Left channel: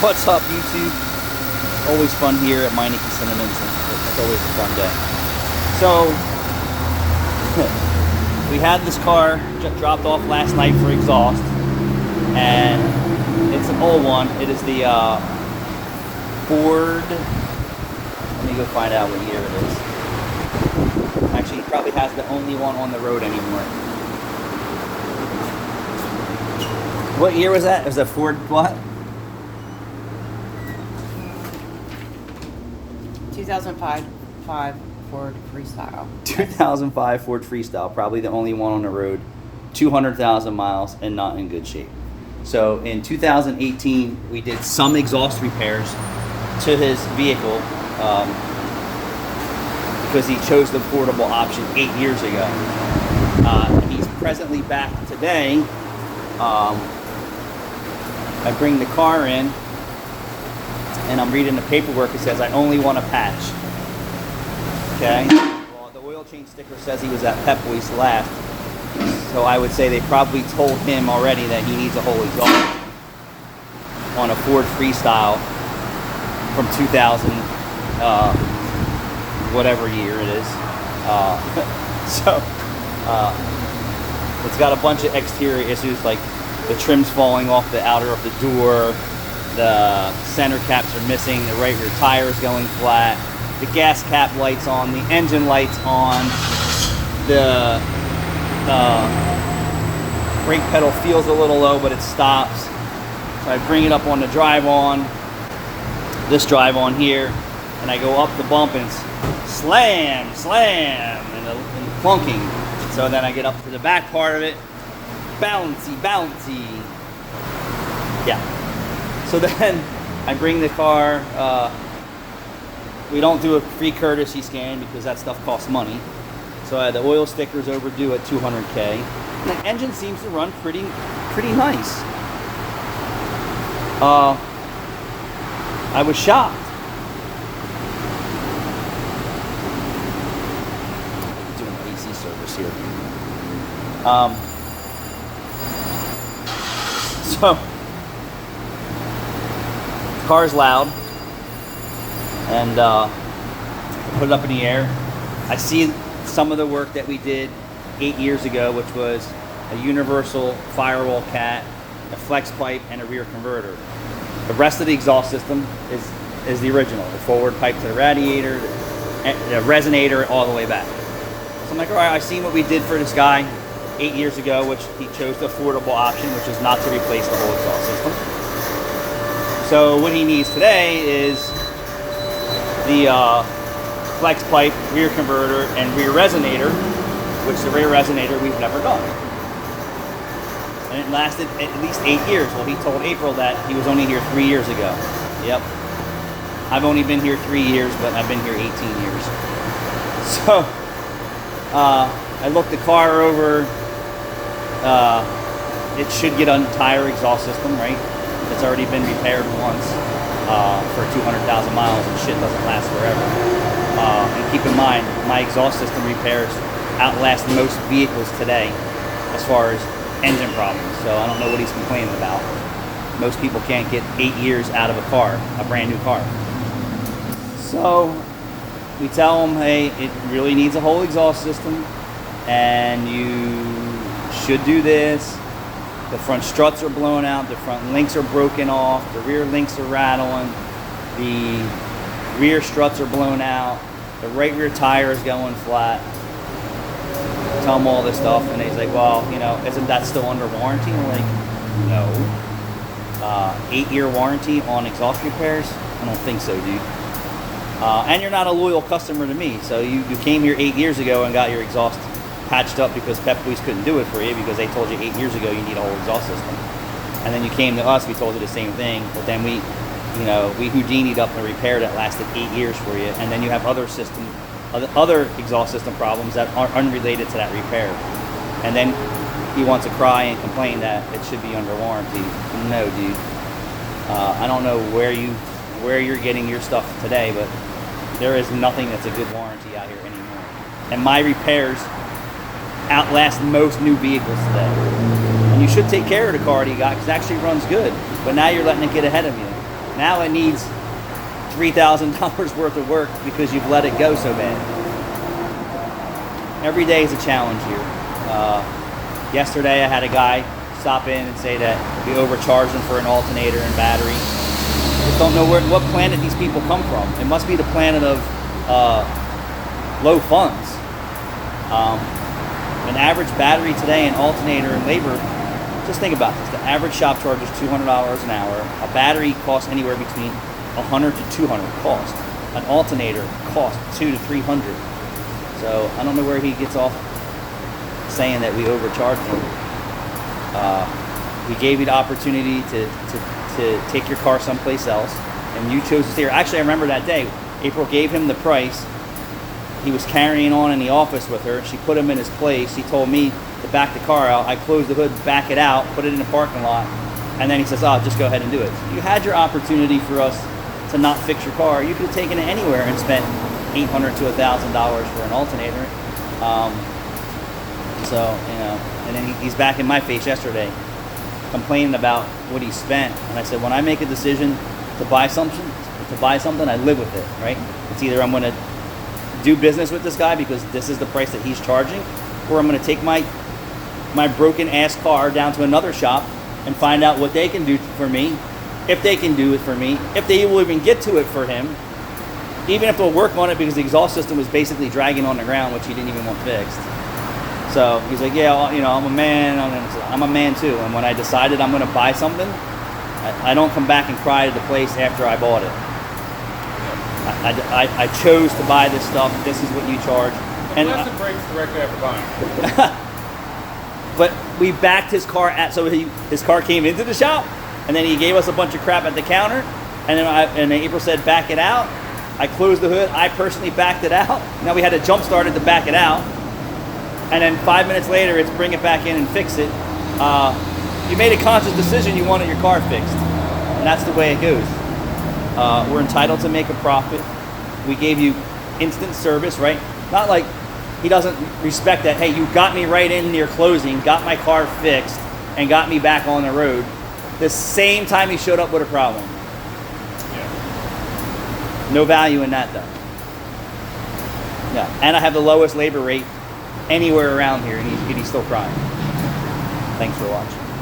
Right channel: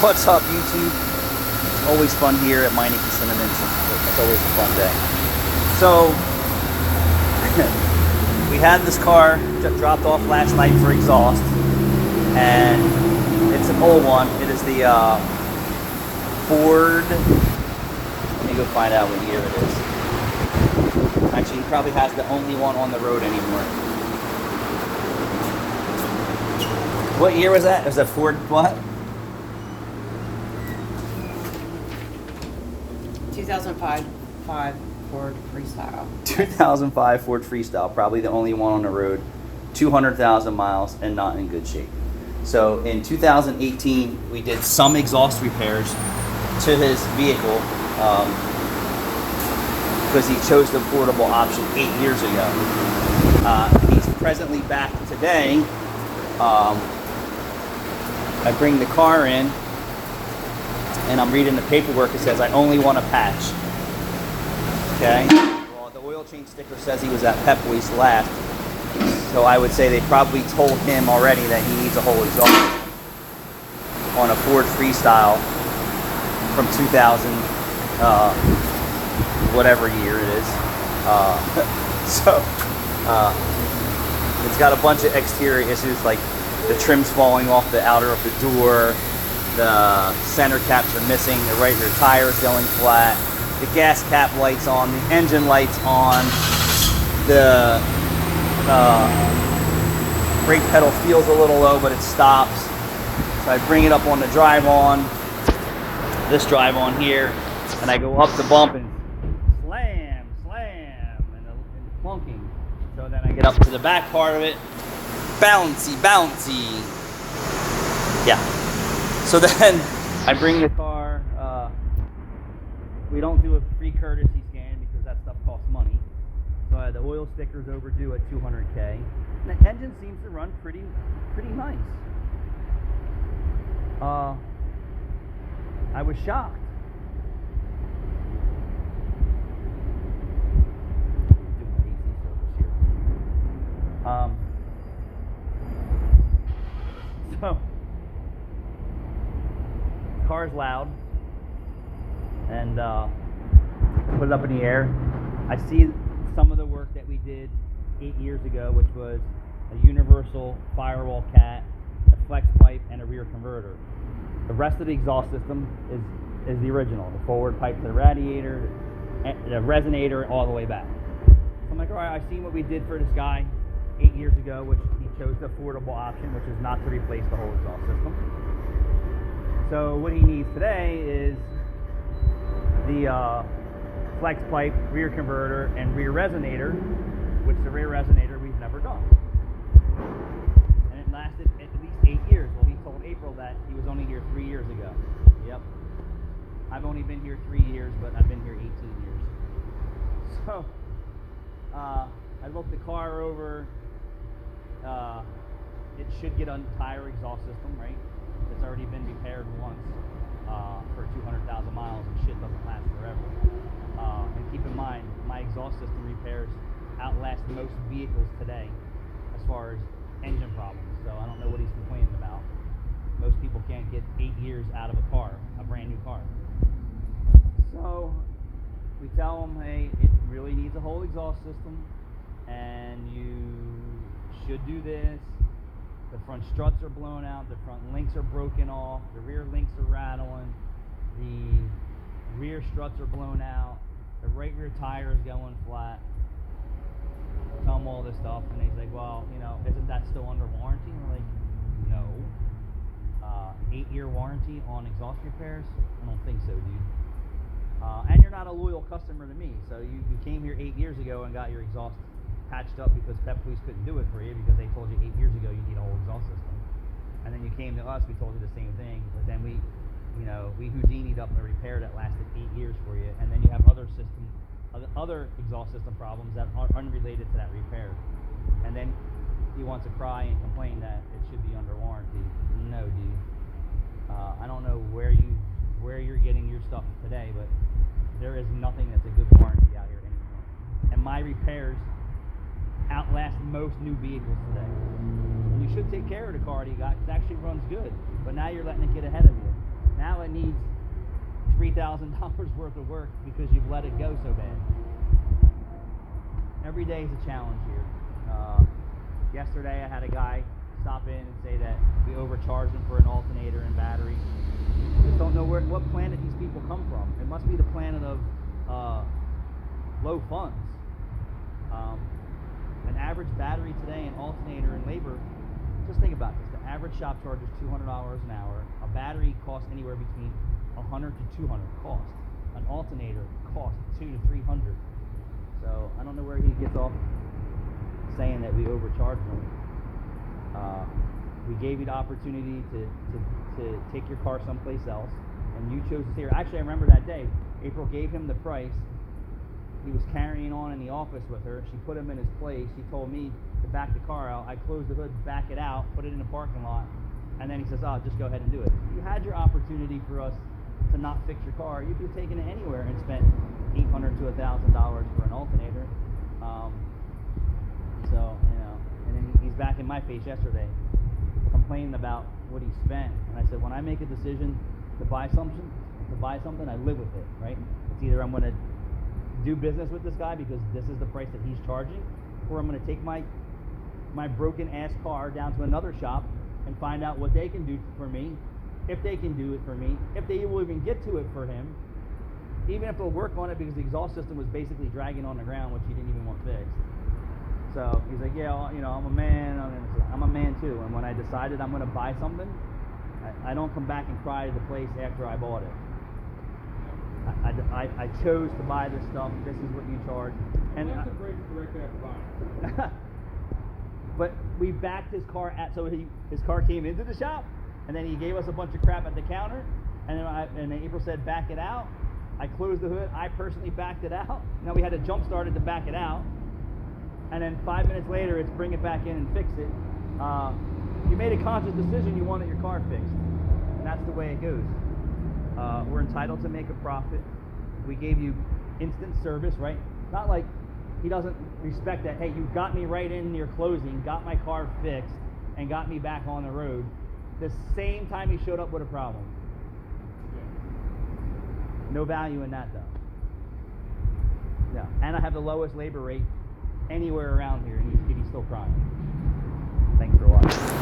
What's up, YouTube? Always fun here at Meineke Cinnamons. It's always a fun day. So, we had this car dropped off last night for exhaust, and it's an old one. It is the Ford. Let me go find out what year it is. Actually, he probably has the only one on the road anymore. What year was that? It was a Ford what? 2005 Ford Freestyle. 2005 Ford Freestyle, probably the only one on the road, 200,000 miles and not in good shape. So in 2018, we did some exhaust repairs to his vehicle because he chose the affordable option 8 years ago. He's presently back today. I bring the car in, and I'm reading the paperwork. It says I only want a patch. Okay. Well, the oil change sticker says he was at Pep Boys last, so I would say they probably told him already that he needs a whole exhaust on a Ford Freestyle from 2000, whatever year it is. It's got a bunch of exterior issues, like the trim's falling off the outer of the door. The center caps are missing, the right rear tire is going flat, the gas cap light's on, the engine light's on, the brake pedal feels a little low, but it stops. So I bring it up on the drive on, this drive on here, and I go up the bump and slam, and the clunking. So then I get up to the back part of it, bouncy. Yeah. So then I bring the car, we don't do a free courtesy scan because that stuff costs money. So the oil sticker's overdue at 200K. And the engine seems to run pretty nice. I was shocked. Doing an AC service here. So car's loud, and put it up in the air. I see some of the work that we did 8 years ago, which was a universal firewall cat, a flex pipe, and a rear converter. The rest of the exhaust system is the original, the forward pipe to the radiator, the resonator, all the way back. So I'm like, all right, I've seen what we did for this guy 8 years ago, which he chose the affordable option, which is not to replace the whole exhaust system. So what he needs today is the flex pipe, rear converter, and rear resonator, which the rear resonator we've never done. And it lasted at least 8 years. Well, he told April that he was only here 3 years ago. Yep. I've only been here 3 years, but I've been here 18 years. So I looked the car over. It should get an entire exhaust system, right? It's already been repaired once for 200,000 miles, and shit doesn't last forever. And keep in mind, my exhaust system repairs outlast most vehicles today as far as engine problems. So I don't know what he's complaining about. Most people can't get 8 years out of a car, a brand new car. So we tell him, hey, it really needs a whole exhaust system, and you should do this. The front struts are blown out, the front links are broken off, the rear links are rattling, the rear struts are blown out, the right rear tire is going flat. Tell him all this stuff, and he's like, well, you know, isn't that still under warranty? I'm like, no. 8-year warranty on exhaust repairs? I don't think so, dude. And you're not a loyal customer to me, so you came here 8 years ago and got your exhaust patched up because Pep Boys couldn't do it for you because they told you 8 years ago you need a whole exhaust system. And then you came to us, we told you the same thing, but then we Houdini'd up a repair that lasted 8 years for you, and then you have other exhaust system problems that are unrelated to that repair. And then he wants to cry and complain that it should be under warranty. No, dude. I don't know where you're getting your stuff today, but there is nothing that's a good warranty out here anymore. And my repairs outlast most new vehicles today. And you should take care of the car that you got because it actually runs good. But now you're letting it get ahead of you. Now it needs $3,000 worth of work because you've let it go so bad. Every day is a challenge here. Yesterday I had a guy stop in and say that we overcharged him for an alternator and battery. Just don't know what planet these people come from. It must be the planet of low funds. An average battery today, an alternator and labor, just think about this. The average shop charges $200 an hour. A battery costs anywhere between $100 to $200 cost. An alternator costs $200 to $300. So I don't know where he gets off saying that we overcharged him. We gave you the opportunity to take your car someplace else, and you chose to stay here. Actually, I remember that day. April gave him the price. He was carrying on in the office with her. She put him in his place. He told me to back the car out. I closed the hood, back it out, put it in the parking lot, and then he says, "Oh, just go ahead and do it." You had your opportunity for us to not fix your car. You could have taken it anywhere and spent $800 to $1,000 for an alternator. And then he's back in my face yesterday, complaining about what he spent. And I said, when I make a decision to buy something, I live with it, right? It's either I'm going to do business with this guy because this is the price that he's charging, or I'm going to take my broken ass car down to another shop and find out what they can do for me, if they can do it for me, if they will even get to it for him, even if they'll work on it, because the exhaust system was basically dragging on the ground, which he didn't even want fixed. So he's like, yeah, I'm a man. I'm a man too. And when I decided I'm going to buy something, I don't come back and cry to the place after I bought it. I chose to buy this stuff. This is what you charge. And Lesson breaks directly after buying. But we backed his car his car came into the shop, and then he gave us a bunch of crap at the counter, and then April said back it out. I closed the hood. I personally backed it out. Now we had to jump start it to back it out. And then 5 minutes later, it's bring it back in and fix it. You made a conscious decision you wanted your car fixed. And that's the way it goes. We're entitled to make a profit. We gave you instant service, right? Not like he doesn't respect that, hey, you got me right in near closing, got my car fixed, and got me back on the road. The same time he showed up with a problem. No value in that, though. Yeah, and I have the lowest labor rate anywhere around here, and he's still crying. Thanks for watching.